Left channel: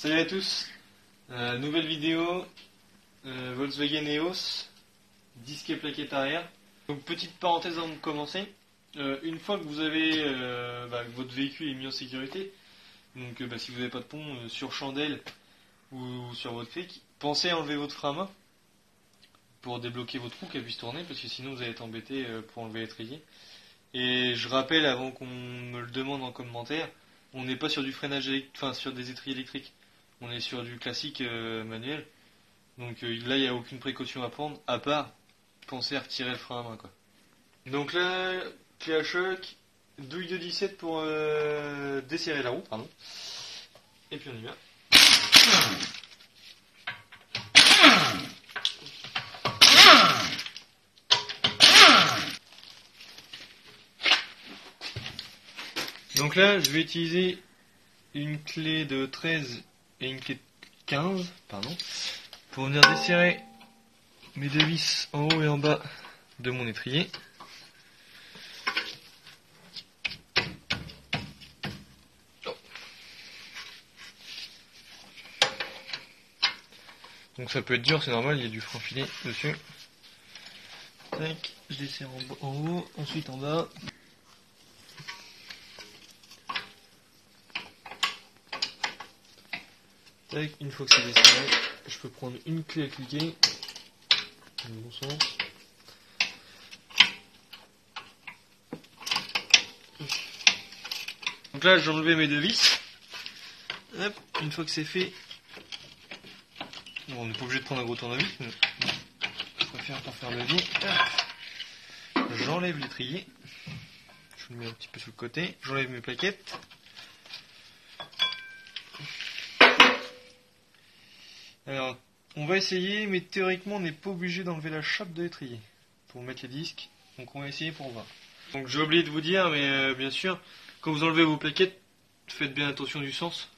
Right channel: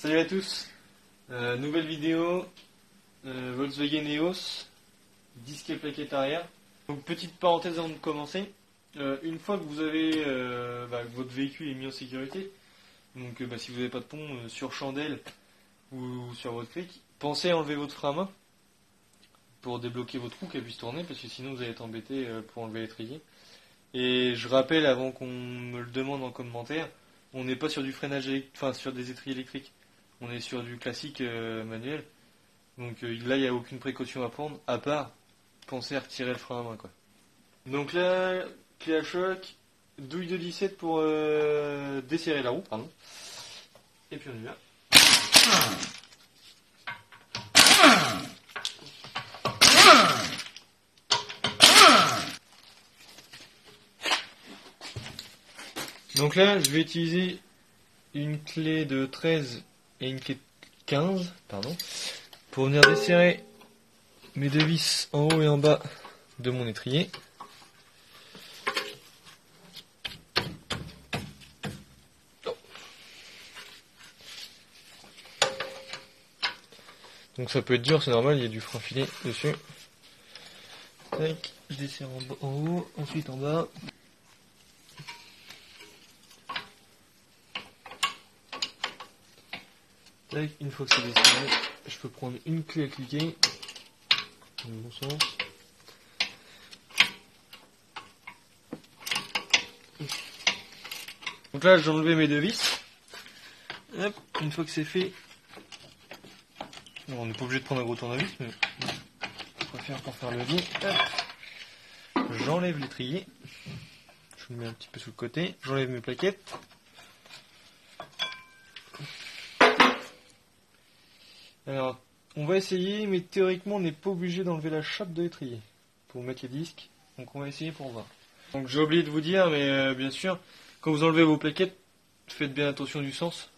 Salut à tous, nouvelle vidéo, Volkswagen EOS, disque et plaquette arrière. Donc petite parenthèse avant de commencer, une fois que vous avez que votre véhicule est mis en sécurité, donc si vous n'avez pas de pont sur chandelle ou sur votre cric, pensez à enlever votre frein à main pour débloquer votre roue qu'elle puisse tourner, parce que sinon vous allez être embêté pour enlever l'étrier. Et je rappelle avant qu'on me le demande en commentaire, on n'est pas sur du freinage électrique, enfin sur des étriers électriques. On est sur du classique manuel. Donc là, il n'y a aucune précaution à prendre, à part penser à retirer le frein à main, quoi. Donc là, clé à choc, douille de 17 pour desserrer la roue, pardon. Et puis on y va. Donc là, je vais utiliser une clé de 13 et une clé de 15, pardon, pour venir desserrer mes deux vis en haut et en bas de mon étrier. Donc ça peut être dur, c'est normal, il y a du frein filé dessus. Tac, je desserre en haut, ensuite en bas. Tac, une fois que c'est desserré, je peux prendre une clé à cliquer, dans le bon sens. Donc là, j'ai enlevé mes deux vis. Hop, une fois que c'est fait, bon, on n'est pas obligé de prendre un gros tournevis, mais je préfère pas faire le vide. J'enlève l'étrier, je le mets un petit peu sur le côté, j'enlève mes plaquettes. Alors, on va essayer, mais théoriquement, on n'est pas obligé d'enlever la chape de l'étrier pour mettre les disques. Donc, on va essayer pour voir. Donc, j'ai oublié de vous dire, mais bien sûr, quand vous enlevez vos plaquettes, faites bien attention du sens.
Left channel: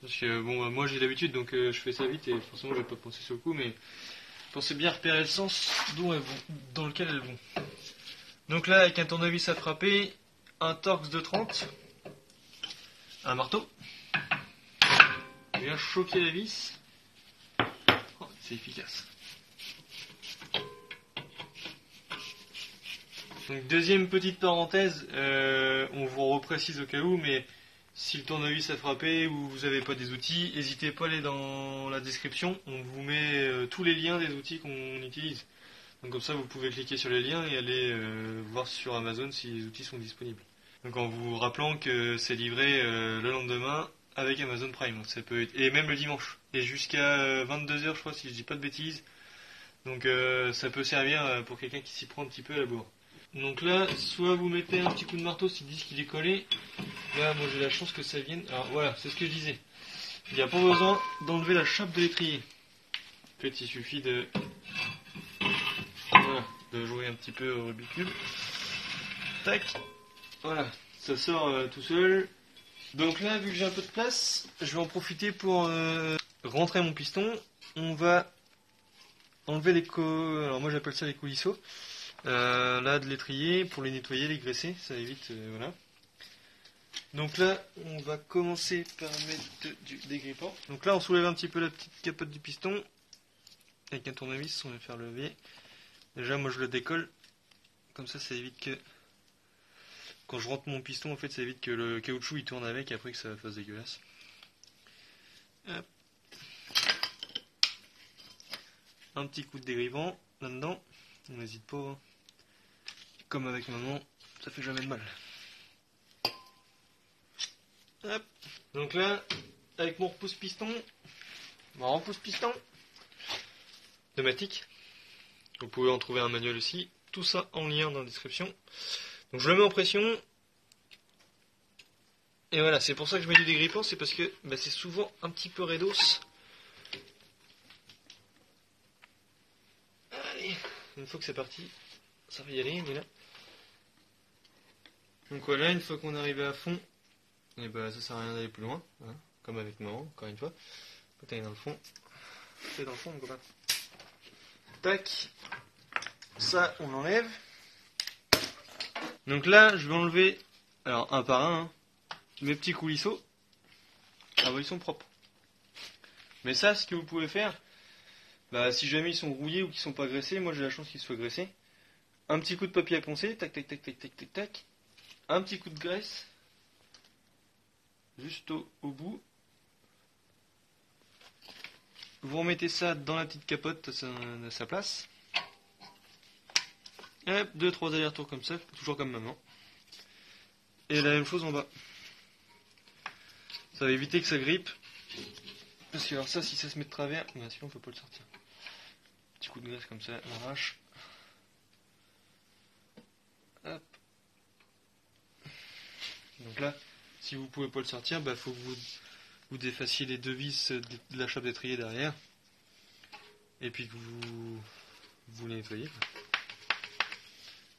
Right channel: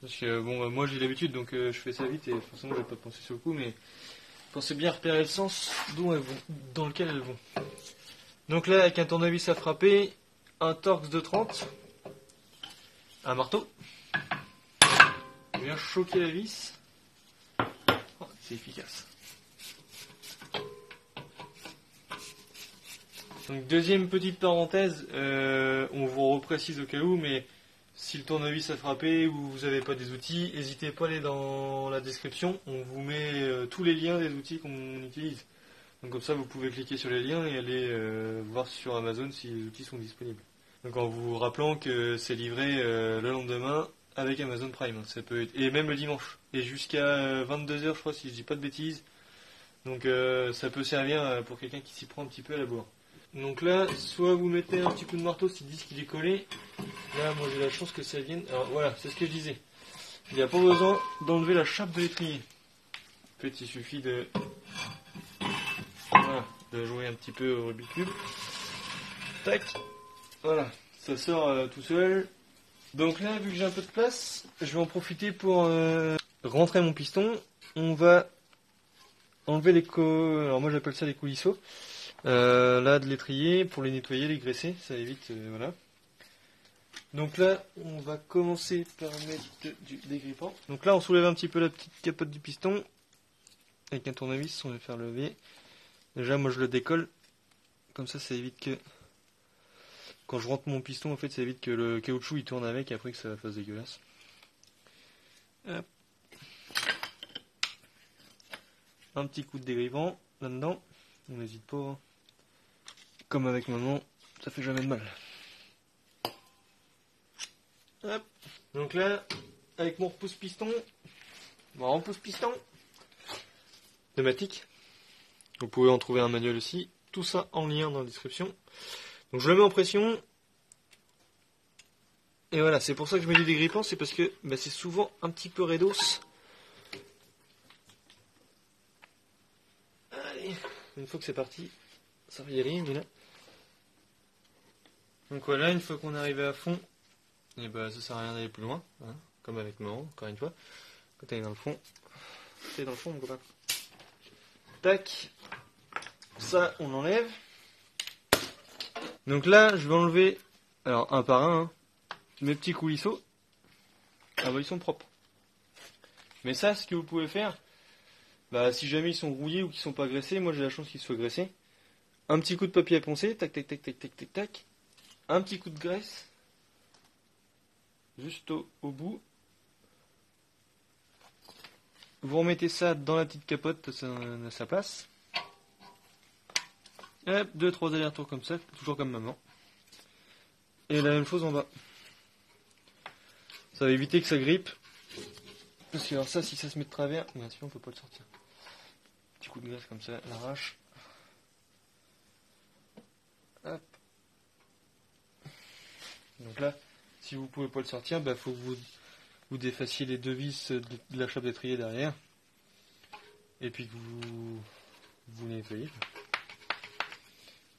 Parce que, bon, moi j'ai l'habitude, donc je fais ça vite et forcément, je vais pas penser sur le coup, mais pensez bien à repérer le sens d'où elles vont, dans lequel elles vont. Donc là, avec un tournevis à frapper, un Torx de 30, un marteau, on vient choquer la vis. C'est efficace. Donc deuxième petite parenthèse, on vous reprécise au cas où, mais si le tournevis a frappé ou vous n'avez pas des outils, n'hésitez pas à aller dans la description, on vous met tous les liens des outils qu'on utilise. Donc comme ça vous pouvez cliquer sur les liens et aller voir sur Amazon si les outils sont disponibles. Donc en vous rappelant que c'est livré le lendemain avec Amazon Prime, ça peut être, et même le dimanche, et jusqu'à 22h je crois si je dis pas de bêtises, donc ça peut servir pour quelqu'un qui s'y prend un petit peu à la bourre. Donc là, soit vous mettez un petit coup de marteau si le disque il est collé, là moi j'ai la chance que ça vienne, alors voilà, c'est ce que je disais, il n'y a pas besoin d'enlever la chape de l'étrier, en fait il suffit de, voilà, de jouer un petit peu au Rubik's Cube, tac, voilà, ça sort tout seul. Donc là, vu que j'ai un peu de place, je vais en profiter pour rentrer mon piston. On va enlever les alors moi j'appelle ça les coulisseaux, là de l'étrier, pour les nettoyer, les graisser, ça évite, voilà. Donc là, on va commencer par mettre du dégrippant. Donc là, on soulève un petit peu la petite capote du piston, avec un tournevis, on va faire lever. Déjà, moi je le décolle, comme ça évite que... Quand je rentre mon piston, en fait, ça évite que le caoutchouc il tourne avec et après que ça fasse dégueulasse. Hop. Un petit coup de dégrippant là-dedans. On n'hésite pas. Hein. Comme avec maman, ça fait jamais de mal. Hop. Donc là, avec mon repousse-piston, pneumatique. Vous pouvez en trouver un manuel aussi. Tout ça en lien dans la description. Donc je le mets en pression, et voilà, c'est pour ça que je mets du dégrippant, c'est parce que c'est souvent un petit peu raidos. Allez, une fois que c'est parti, ça va y aller, mais là. Donc voilà, une fois qu'on est arrivé à fond, et ça sert à rien d'aller plus loin, hein, comme avec maman, encore une fois. Quand t'es dans le fond, mon copain. Tac, ça on enlève. Donc là, je vais enlever, alors un par un, mes petits coulisseaux. Alors ils sont propres. Mais ça, ce que vous pouvez faire, bah, si jamais ils sont rouillés ou qu'ils sont pas graissés, moi j'ai la chance qu'ils soient graissés. Un petit coup de papier à poncer, tac tac tac tac tac tac tac. Un petit coup de graisse, juste au bout. Vous remettez ça dans la petite capote à sa place. Hop, 2-3 allers-retours comme ça, toujours comme maintenant. Et la même chose en bas. Ça va éviter que ça grippe. Parce que alors ça, si ça se met de travers, bah, sinon on peut pas le sortir. Petit coup de graisse comme ça, on arrache. Hop. Donc là, si vous pouvez pas le sortir, bah faut que vous défassiez les deux vis de la chape d'étrier derrière. Et puis que vous les nettoyez.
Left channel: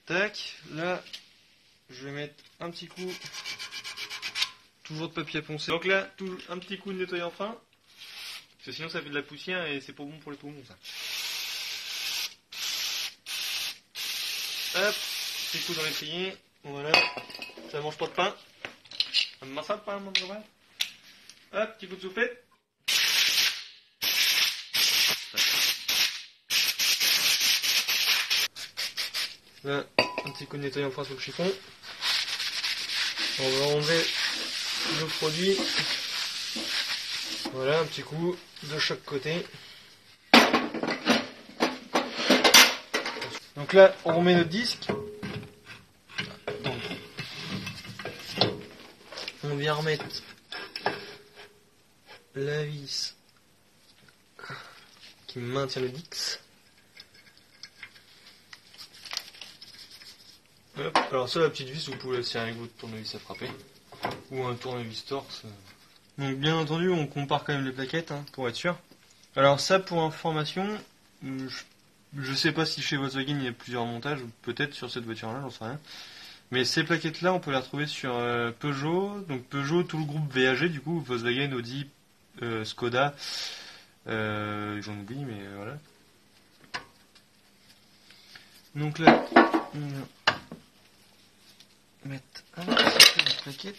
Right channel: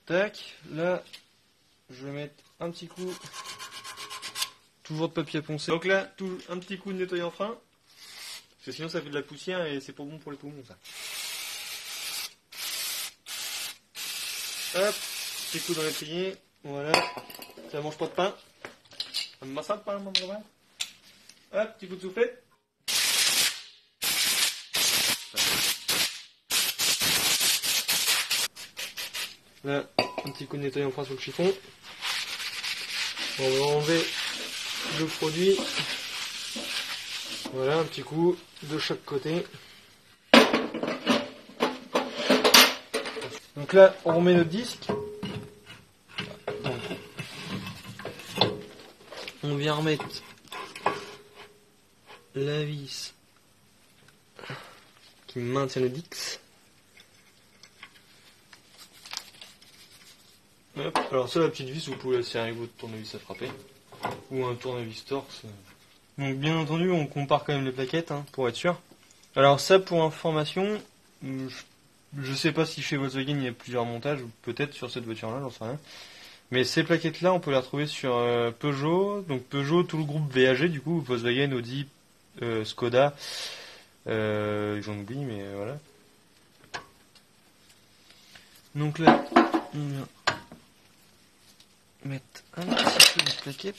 Tac, là, je vais mettre un petit coup, toujours de papier à poncer. Donc là, un petit coup de nettoyant fin, parce que sinon ça fait de la poussière et c'est pas bon pour les poumons ça. Hop, petit coup dans l'étrier, voilà, ça mange pas de pain. On me ça le pain, mon grand. Hop, petit coup de soufflette. Là, un petit coup de nettoyant fin sur le chiffon. On va enlever le produit. Voilà, un petit coup de chaque côté. Donc là, on remet notre disque. Donc, on vient remettre la vis qui maintient le disque. Hop. Alors ça, la petite vis, vous pouvez la serrer avec votre tournevis à frapper. Ou un tournevis torse. Donc bien entendu, on compare quand même les plaquettes, hein, pour être sûr. Alors ça, pour information, je sais pas si chez Volkswagen il y a plusieurs montages, peut-être sur cette voiture-là, j'en sais rien. Mais ces plaquettes-là, on peut les retrouver sur Peugeot. Donc Peugeot, tout le groupe VAG, du coup, Volkswagen, Audi, Skoda. J'en oublie, mais voilà. Donc là, on va mettre un petit peu de plaquette.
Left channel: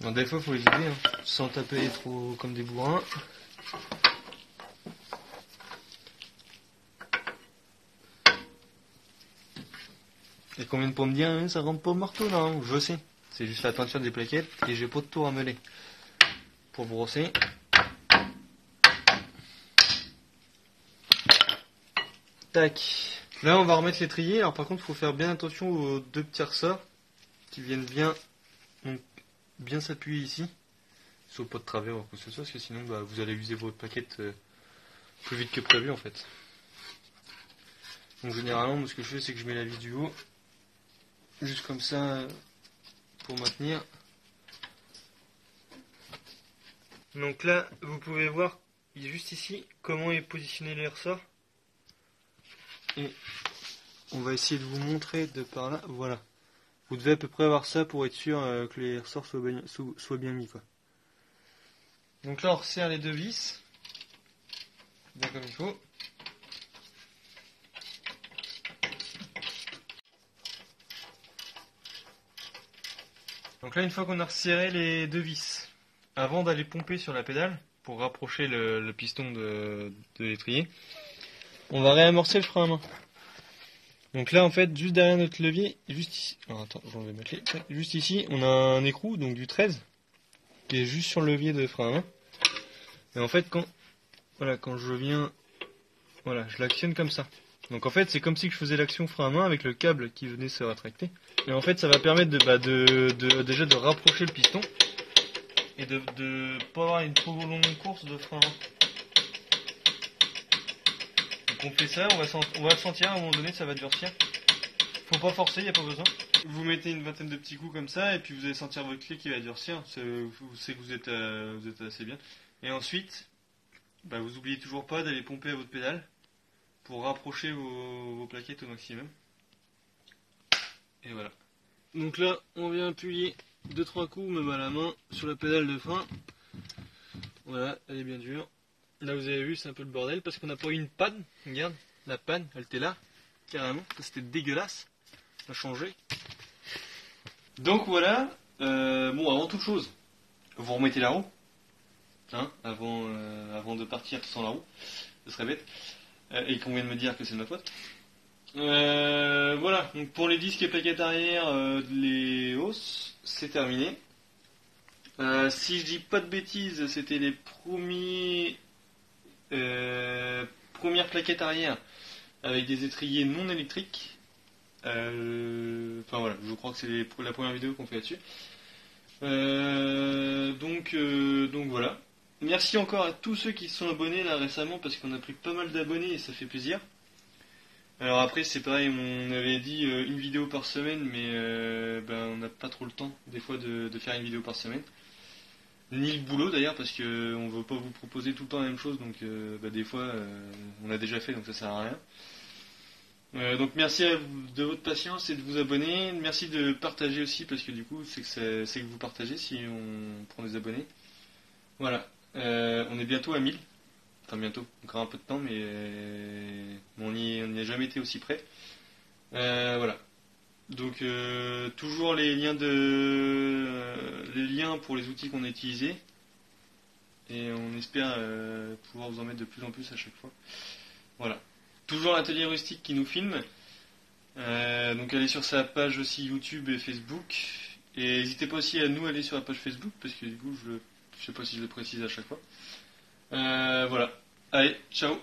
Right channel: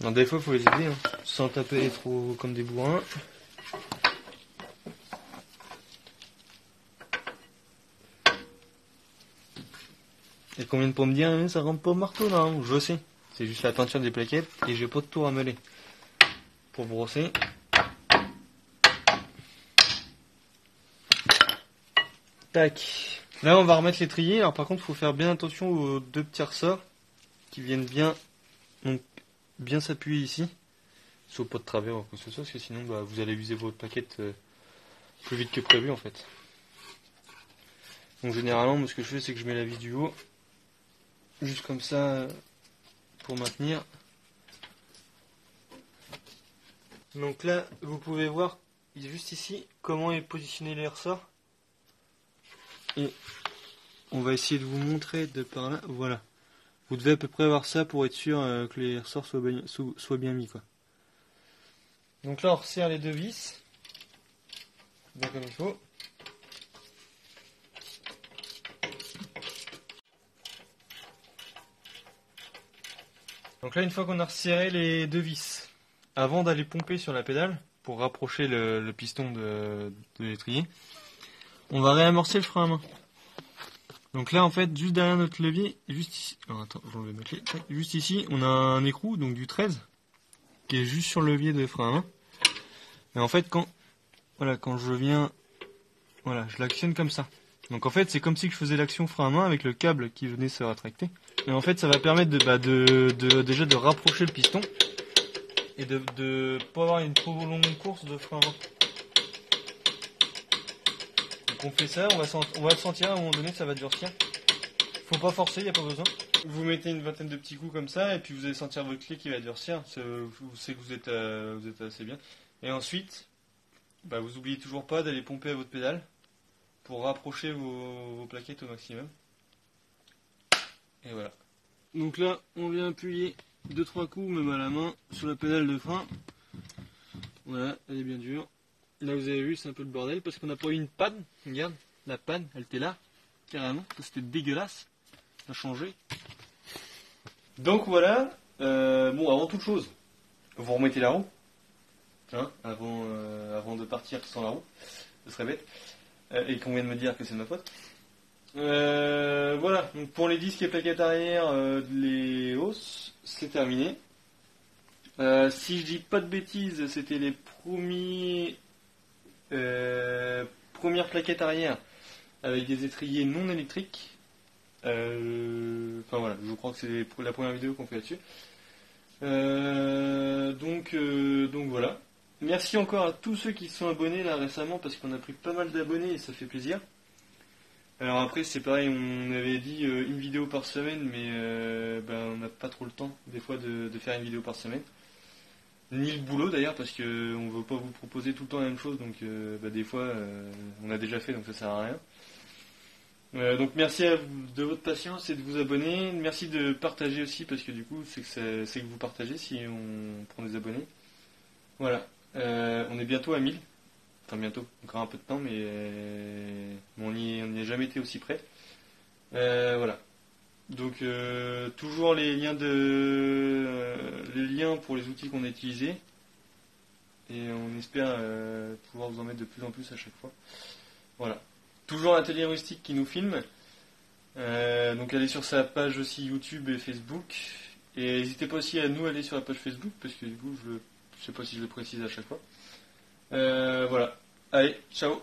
Non, des fois, il faut les aider, hein, sans taper trop comme des bourrins. Et qu'on vient pour me dire, hein, ça rentre pas au marteau là, hein. Je sais. C'est juste la teinture des plaquettes et j'ai pas de tour à mêler. Pour brosser. Tac. Là, on va remettre l'étrier. Alors, par contre, il faut faire bien attention aux deux petits ressorts qui viennent bien, donc, bien s'appuyer ici. Soit pas de travers ou quoi que ce soit, parce que sinon, bah, vous allez user votre plaquette plus vite que prévu en fait. Donc, généralement, moi, ce que je fais, c'est que je mets la vis du haut. Juste comme ça, pour maintenir. Donc là, vous pouvez voir, juste ici, comment est positionné les ressorts. Et on va essayer de vous montrer de par là. Voilà. Vous devez à peu près avoir ça pour être sûr que les ressorts soient bien mis, quoi. Donc là, on resserre les deux vis. Bien comme il faut. Donc là, une fois qu'on a resserré les deux vis, avant d'aller pomper sur la pédale, pour rapprocher le piston de l'étrier, on va réamorcer le frein à main. Donc là, en fait, juste derrière notre levier, juste ici, non, attends, je vais mettre juste ici, on a un écrou, donc du 13, qui est juste sur le levier de frein à main. Et en fait, quand je viens, voilà, je l'actionne comme ça. Donc en fait, c'est comme si je faisais l'action frein à main avec le câble qui venait se rétracter. Et en fait, ça va permettre déjà de rapprocher le piston et de pas avoir une trop longue course de frein à main. Donc on fait ça, on va le sentir, à un moment donné, ça va durcir. Faut pas forcer, il n'y a pas besoin. Vous mettez une vingtaine de petits coups comme ça, et puis vous allez sentir votre clé qui va durcir. C'est que vous êtes assez bien. Et ensuite, bah, vous n'oubliez toujours pas d'aller pomper à votre pédale pour rapprocher vos plaquettes au maximum. Et voilà. Donc là, on vient appuyer 2-3 coups, même à la main, sur la pédale de frein. Voilà, elle est bien dure. Là, vous avez vu, c'est un peu le bordel parce qu'on n'a pas eu une panne. Regarde, la panne, elle était là, carrément. C'était dégueulasse. Ça a changé. Donc voilà, bon, avant toute chose, vous remettez la roue, hein, avant de partir sans la roue, ce serait bête, et qu'on vient de me dire que c'est de ma faute. Voilà, donc pour les disques et plaquettes arrière, les hausses, c'est terminé. Si je dis pas de bêtises, c'était les premières plaquettes arrière avec des étriers non électriques. Enfin voilà, je crois que c'est la première vidéo qu'on fait là-dessus. Donc voilà. Merci encore à tous ceux qui se sont abonnés là récemment parce qu'on a pris pas mal d'abonnés et ça fait plaisir. Alors après c'est pareil, on avait dit une vidéo par semaine, mais on n'a pas trop le temps des fois de faire une vidéo par semaine. Ni le boulot d'ailleurs parce que on veut pas vous proposer tout le temps la même chose, donc des fois on a déjà fait donc ça sert à rien. Donc merci de votre patience et de vous abonner. Merci de partager aussi parce que du coup c'est que vous partagez si on prend des abonnés. Voilà. On est bientôt à 1000. Enfin bientôt, encore un peu de temps mais bon, on n'y a jamais été aussi près. Voilà. Donc toujours les liens pour les outils qu'on a utilisés. Et on espère pouvoir vous en mettre de plus en plus à chaque fois. Voilà. Toujours l'atelier rustique qui nous filme. Donc allez sur sa page aussi YouTube et Facebook. Et n'hésitez pas aussi à nous aller sur la page Facebook, parce que du coup je sais pas si je le précise à chaque fois. Voilà. Allez, ciao.